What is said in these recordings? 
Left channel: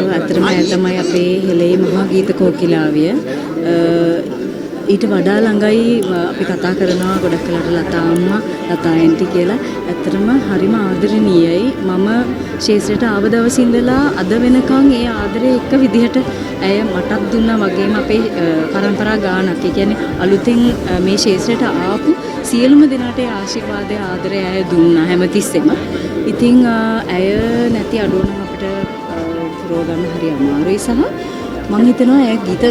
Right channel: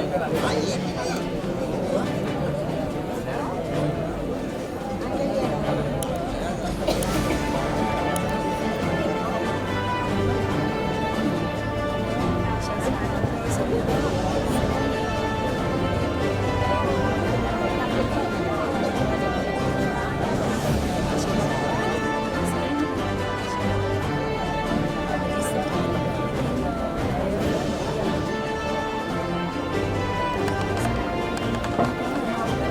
ඇත්තටම ඇය තමයි අපේ හෙළේ මහා ගීත කෝකිලාවිය. ඊට වඩා ළඟයි අපි කතා කරනවා ගොඩක් කලට ලතා අම්මා, ලතා ඇන්ටි කියලා. ඇත්තටම හරිම ආදරණීයයි. මම ශේෂ්ත්‍රයට ආව දවසින් ඉඳලා අද වෙනකන් ඒ ආදරේ එක විදිහට ඇය මටත් දුන්නා වගේම අපේ පරම්පරා ගානක්. ඒ කියන්නේ අලුතෙන් මේ ශේෂ්ත්‍රයට ආපු සියලුම දෙනාට ආශිර්වාදය ආදරය ඇය දුන්නා හැමතිස්සෙම. ඉතින් ඇය නැති අඩුවන ගන්න හරි අමාරුයි සහ මම හිතනවා ඇය ගීත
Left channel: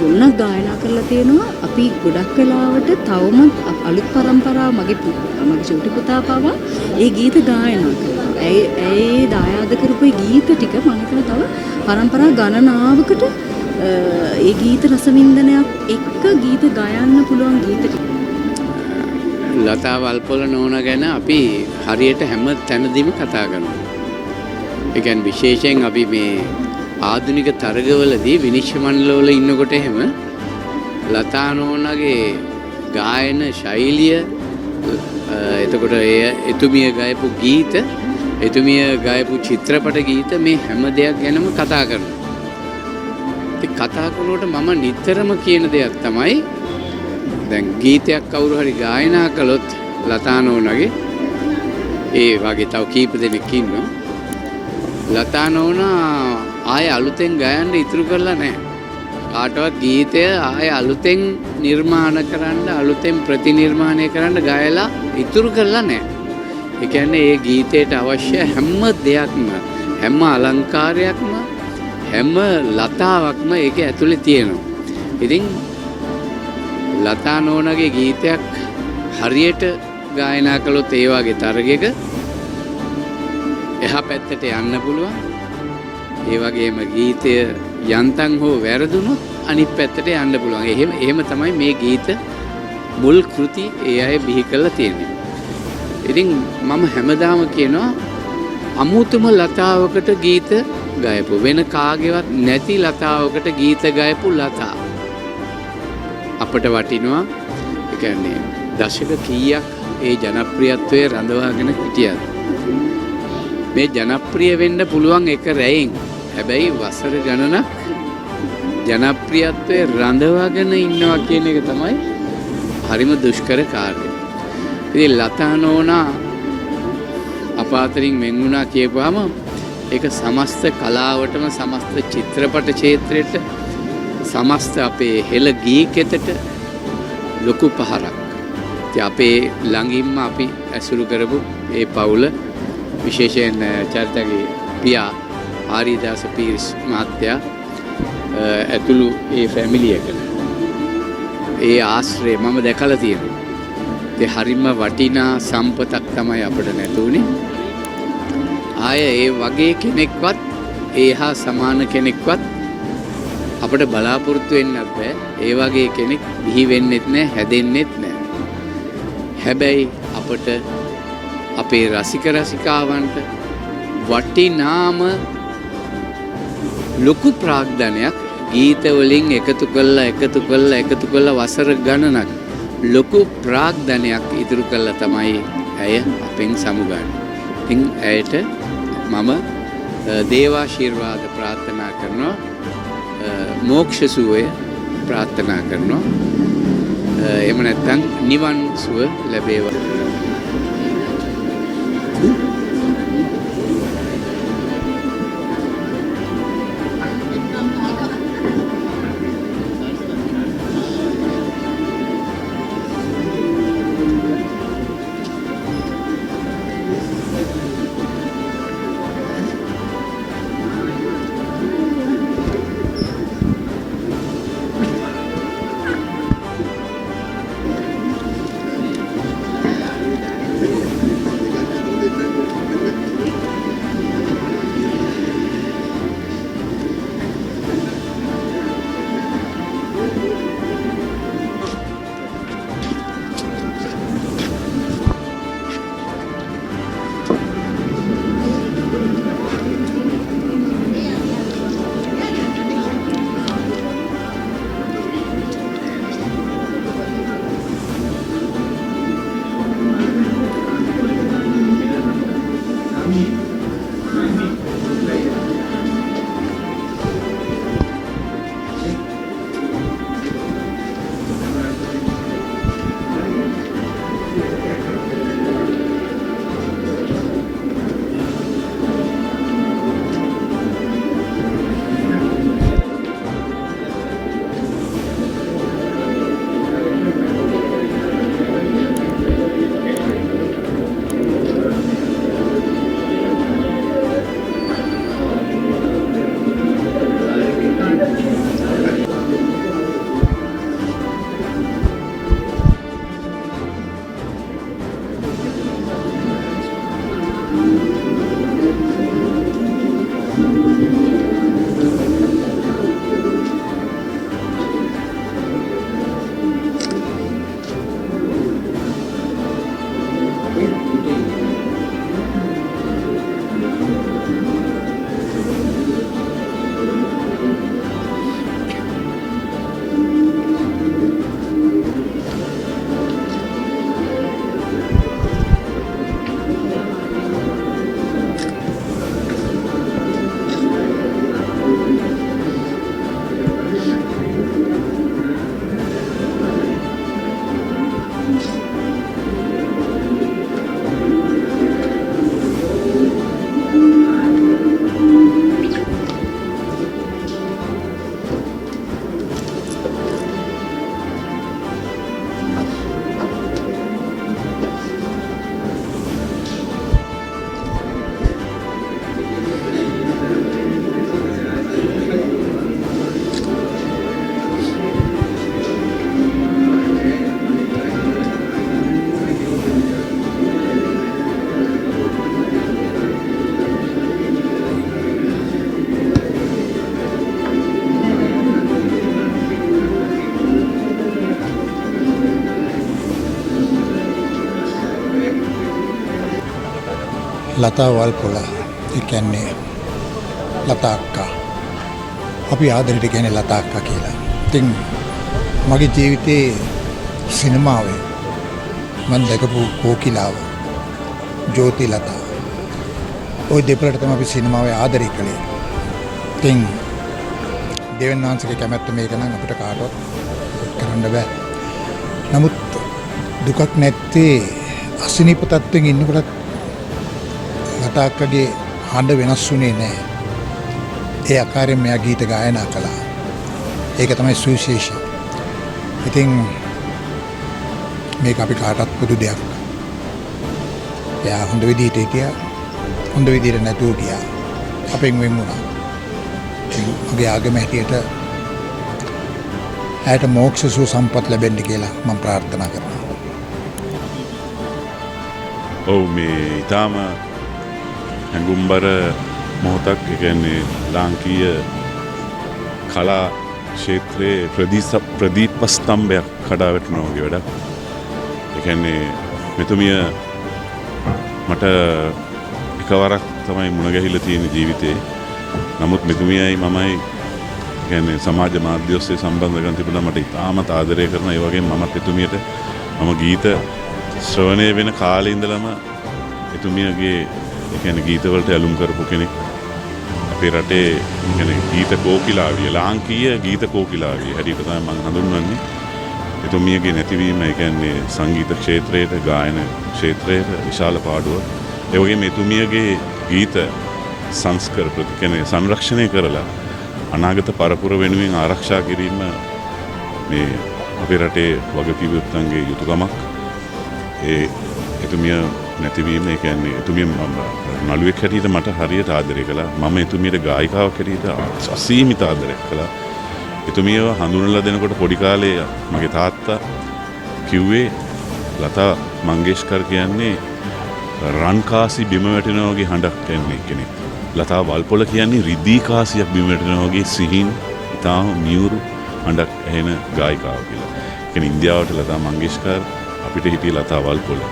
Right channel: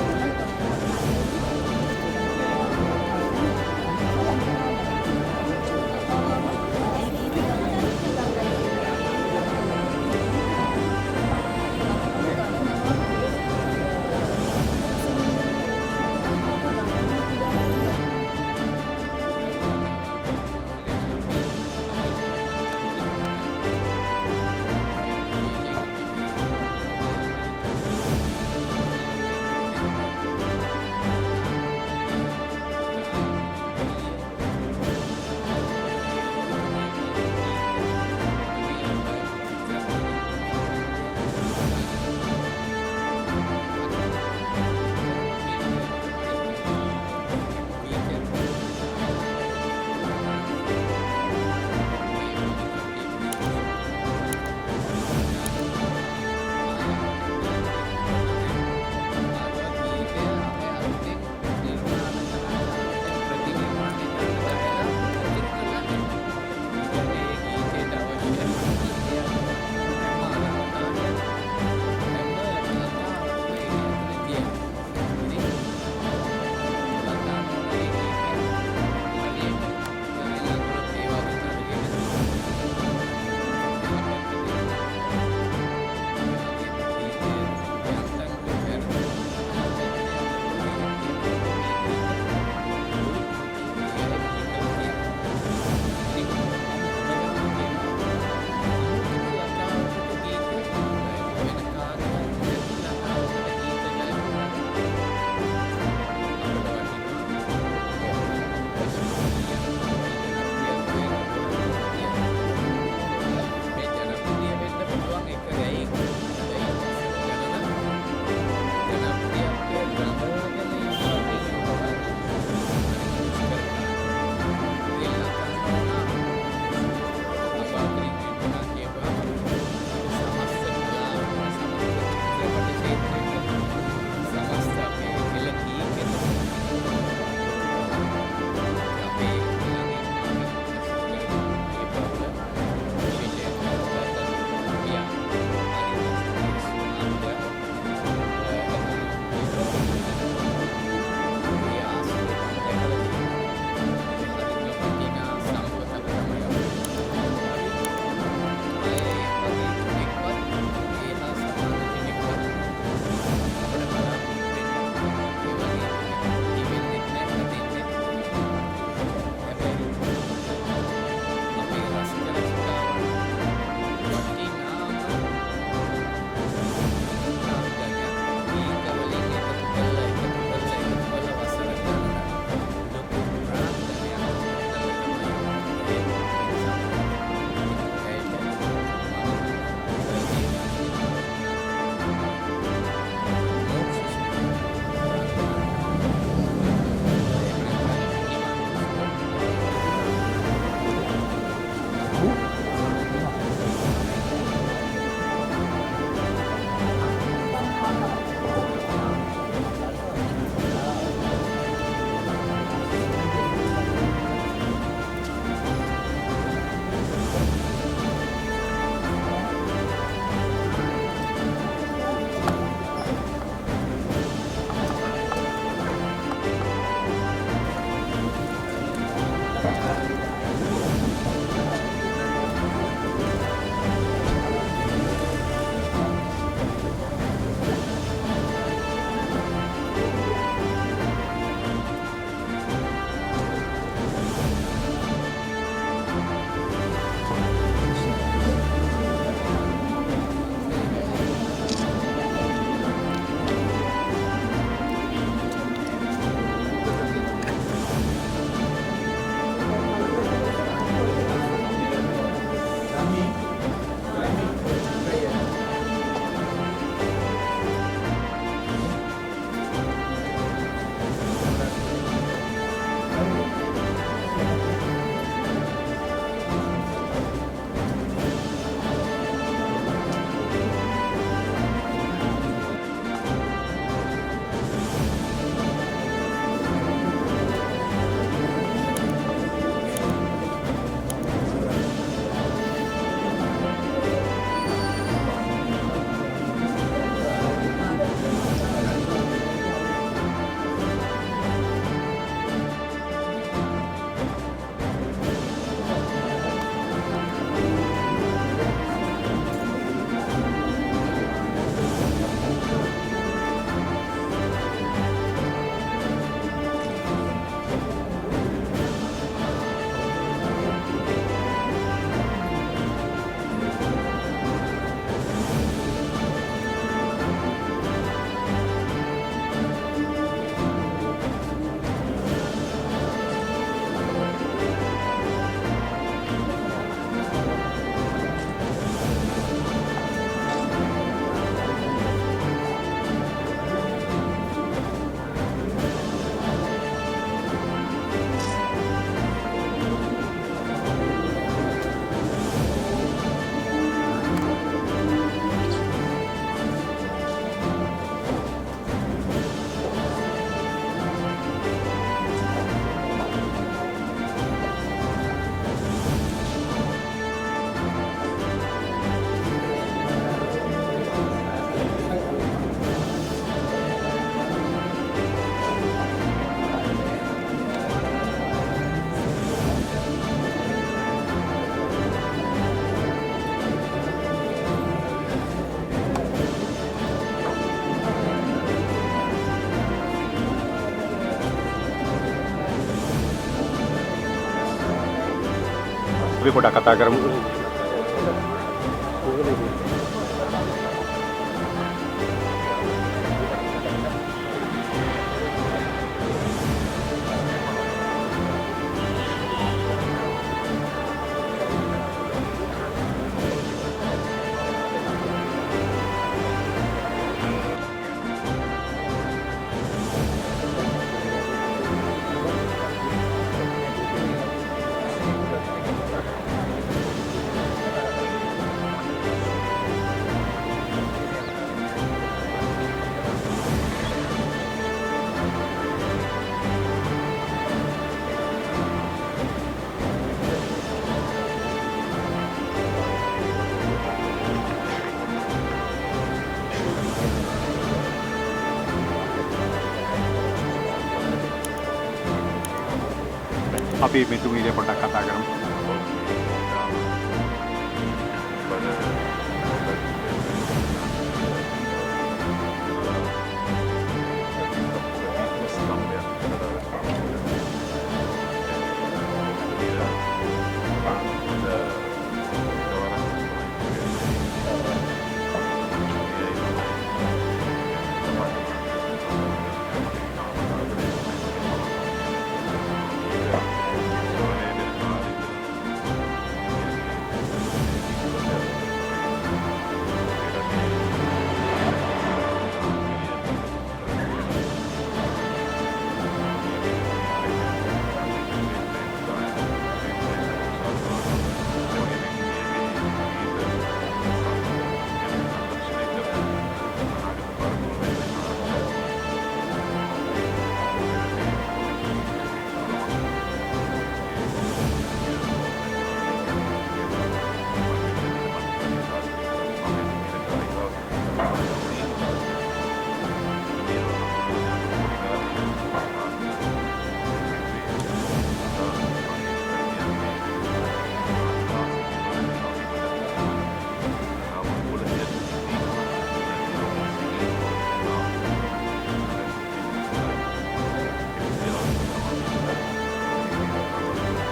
ගොඩක් ගායනා කරලා තියෙනවා. අපි ගොඩක් වෙලාවට තවමත් අලුත් පරම්පරාව මගේ චුටි පුතා පවා ඒ ගීත ගායනා කරනවා. ඇයි දායාද කරපු ගීත ටික මම හිතනවා තව පරම්පරා ගණනාවකට ඒ ගීත රසවින්දනයක් එක්ක ගීත ගයන්න පුළුවන් ගීත ටික. ලතා වල්පොල නෝන ගැන අපි හරියට හැම තැනදීම කතා කරනවා. ඒ කියන්නේ විශේෂයෙන් අපි මේ ආධුනික තරගවලදී විනිශ්චය මණ්ඩලවල ඉන්නකොට එහෙම ලතා නෝනාගේ ගායන ශෛලිය එතකොට එතුමිය ගායපු ගීත එතුමිය ගායපු චිත්‍රපට ගීත මේ හැම දෙයක් ගැනම කතා කරනවා. ඉතින් කතා කරනකොට මම නිතරම කියන දෙයක් තමයි දැන් ගීතයක් කවුරු හරි ගායනා කළොත් ලතා නෝනාගේ ඒ වගේ තව කීප දෙනෙක් ඉන්නවා. ලතා නෝනා ආයේ අලුතෙන් ගයන්න ඉතුරු කරලා නැහැ. කාටවත් ගීතය ආයේ අලුතෙන් නිර්මාණ කරන්න, අලුතෙන් ප්‍රතිනිර්මාණය කරන්න ගයලා ඉතුරු කරලා නැහැ. ඒ කියන්නේ ඒ ගීතයට අවශ්‍ය හැම දෙයක්ම, හැම අලංකාරයක්ම, හැම ලතාවක්ම ඒකේ ඇතුලේ තියෙනවා. ඉතින් ලතා නෝනාගේ ගීතයක් හරියට ගායනා කළොත් ඒ වගේ තරගයක එහා පැත්තට යන්න පුළුවන්. ඒ වගේම ගීතය යන්තම් හෝ වැරදුනොත් අනිත් පැත්තට යන්න පුළුවන්. එහෙම තමයි මේ ගීත මුල් කෘති ඒ අය බිහි කරලා තියෙන්නේ. ඉතින් මම හැමදාම කියනවා අමුතුම ලතාවකට ගීත ගයපු වෙන කාගේවත් නැති ලතාවකට ගීත ගයපු ලතා අපට වටිනවා. ඒ කියන්නේ දශක කීයක් ඒ ජනප්‍රියත්වයේ රඳවාගෙන හිටියද මේ ජනප්‍රිය වෙන්න පුළුවන් එක රැයෙන්. හැබැයි වසර ගණනක් ජනප්‍රියත්වයේ රඳවාගෙන ඉන්නවා කියන එක තමයි හරිම දුෂ්කර කාර්යය. ඉතින් ලතා නෝනා අප අතරින් වෙන් වුණා කියපුවාම ඒක සමස්ත කලාවටම, සමස්ත චිත්‍රපට ක්ෂේත්‍රයට, සමස්ත අපේ හෙළ ගීකෙතට ලොකු පහරක්. ඉතින් අපේ ළඟින්ම අපි ඇසුරු කරපු ඒ පවුල විශේෂයෙන් චරිතගේ පියා ආරිදාස පීරිස් මහත්තයා ඇතුළු ඒ ෆැමිලි එකට ඒ ආශ්‍රය මම දැකලා තියෙනවා. ඒ හරිම වටිනා සම්පතක් තමයි අපිට නැතුනේ. ආය ඒ වගේ කෙනෙක්වත් ඒ හා සමාන කෙනෙක්වත් අපිට බලාපොරොත්තු වෙන්නත් බෑ. ඒ වගේ කෙනෙක් බිහි වෙන්නෙත් නෑ, හැදෙන්නෙත් නෑ. හැබැයි අපිට අපේ රසික රසිකාවන්ට වටිනාම ලොකු ප්‍රාග්ධනයක් ගීත වලින් එකතු කළා වසර ගණනක් ලොකු ප්‍රාග්ධනයක් ඉදිරි කළා තමයි ඇය අපෙන් සමුගන්නේ. ඉතින් ඇයට මම දේවාශිර්වාද ප්‍රාර්ථනා කරනවා, මෝක්ෂ සුවය ප්‍රාර්ථනා කරනවා. එහෙම නැත්නම් නිවන් සුව ලැබේවා. පොඩ්ඩක් කතා කරමු. ලතා වල්පොල ඒ කියන්නේ ලතා අක්කා. අපි ආදරෙට කියන්නේ ලතා අක්කා කියලා. ඉතින් මගේ ජීවිතේ සිනමාවේ මම දැකපු කෝකිලාව ජෝති ලතා. ওই දෙපළට තමයි අපි සිනමාවේ ආදරය කළේ. ඉතින් දෙවියන් වහන්සේගේ කැමැත්ත මේක නම් අපිට කාටවත් කරන්න බෑ. නමුත් දුකක් නැත්තේ අසනීප තත්ත්වෙන් ඉන්නකොට ලතා අක්කගේ හඬ වෙනස් වුණේ නැහැ. ඒ ආකාරයෙන් මෙයා ගීත ගායනා කළා. ඒක තමයි සුවිශේෂී. ඉතින් මේක අපි කාටවත් පොදු දෙයක්. එයා හොඳ විදිහට හිටියා. හොඳ විදිහට නැතුව හිටියා. අපෙන් වෙන් වුණා. ඒ ආගම හැටියට ඇයට මෝක්ෂ සුව සම්පත් ලැබෙන්න කියලා මම ප්‍රාර්ථනා කරනවා. අපි මෙතුමිය පොඩ්ඩක් කතා කරමු. ඔව් මේ ඊටාම හැඟුම්බර මොහොතක් කියන්නේ ලාංකීය කලා ක්ෂේත්‍රයේ ප්‍රදීප ස්තම්භයක් කඩා වැටෙනවා වගේ වැඩක්. ඒ කියන්නේ මෙතුමිය මට එකවරක් තමයි මුණ ගැහිලා තියෙන ජීවිතේ. නමුත් මෙතුමියයි මමයි කියන්නේ සමාජ මාධ්‍ය ඔස්සේ සම්බන්ධකම් තිබුණා. මට ඉතාමත් ආදරය කරන ඒ වගේම මමත් එතුමියට මම ගීත ශ්‍රවණය වෙන කාලේ ඉඳලම එතුමියගේ කියන්නේ ගීතවලට ඇලුම් කරපු කෙනෙක්. අපේ රටේ කියන්නේ ගීත කෝකිලාවිය ලාංකීය ගීත කෝකිලාවිය හැටියට තමයි මම හඳුන්වන්නේ. එතුමියගේ නැතිවීම ඒ කියන්නේ සංගීත ක්ෂේත්‍රයේ ගායන ක්ෂේත්‍රයේ විශාල පාඩුවක්. ඒ වගේම එතුමියගේ ගීත සංස්කර කියන්නේ සංරක්ෂණය කරලා අනාගත පරපුර වෙනුවෙන් ආරක්ෂා කිරීම මේ අපේ රටේ වගකීම්වන්ගේ යුතුකමක්. ඒ එතුමිය නැතිවීම ඒ කියන්නේ එතුමිය නළුවෙක් හැටියට මට හරියට ආදරය කළා. මම එතුමියට ගායිකාවක් හැටියට අසීමිත ආදරයක් කළා. එතුමියව හඳුන්වලා දෙනකොට පොඩි කාලේ මගේ තාත්තා කිව්වේ ලතා මංගেশකර් කියන්නේ රන් කාසි බිම වැටෙනා වගේ හඬක් කියන්නේ කෙනෙක්. ලතා වල්පොල කියන්නේ රිදී කාසියක් බිම වැටෙනා වගේ සිහින් තාම මියුරු හඬක් ඇහෙන ගායිකාවක් කියලා. කියන්නේ ඉන්දියාවට ලතා මංගেশකර් අපිට හිටිය ලතා වල්පොල.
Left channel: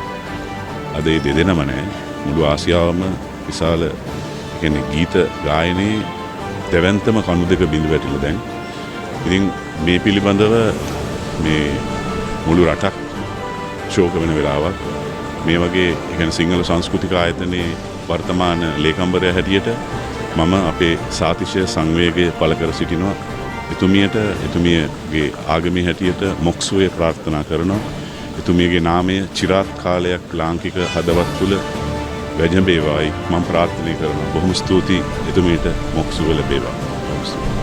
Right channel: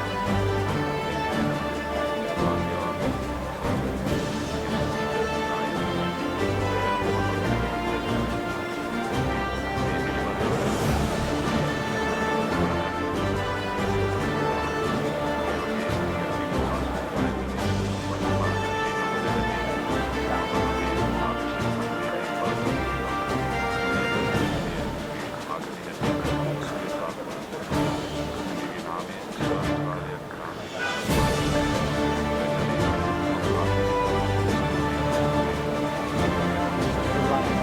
අද ඒ දෙදෙනම නැහැ. මුළු ආසියාවම විශාල කියන්නේ ගීත ගායනයේ දෙවන්තම කණු දෙක බිඳ වැටිලා දැන්. ඉතින් මේ පිළිබඳව මේ මුළු රටක් ශෝක වෙන වෙලාවක්. මේ වගේ කියන්නේ සිංහල සංස්කෘතික ආයතනයේ වර්තමාන ලේකම්වරයා හැටියට මම අපේ සාතිශය සංවේගය පළ කර සිටිනවා. එතුමියගේ ආගමේ හැටියට මොක්ෂුවේ ප්‍රාර්ථනා කරනවා. එතුමියගේ නාමය චිරාත් කාලයක් ලාංකික හදවත් තුළ වැජඹේවායි මම ප්‍රාර්ථනා කරනවා. බොහොම ස්තුතියි එතුමියට මොක්ෂුව ලැබේවා.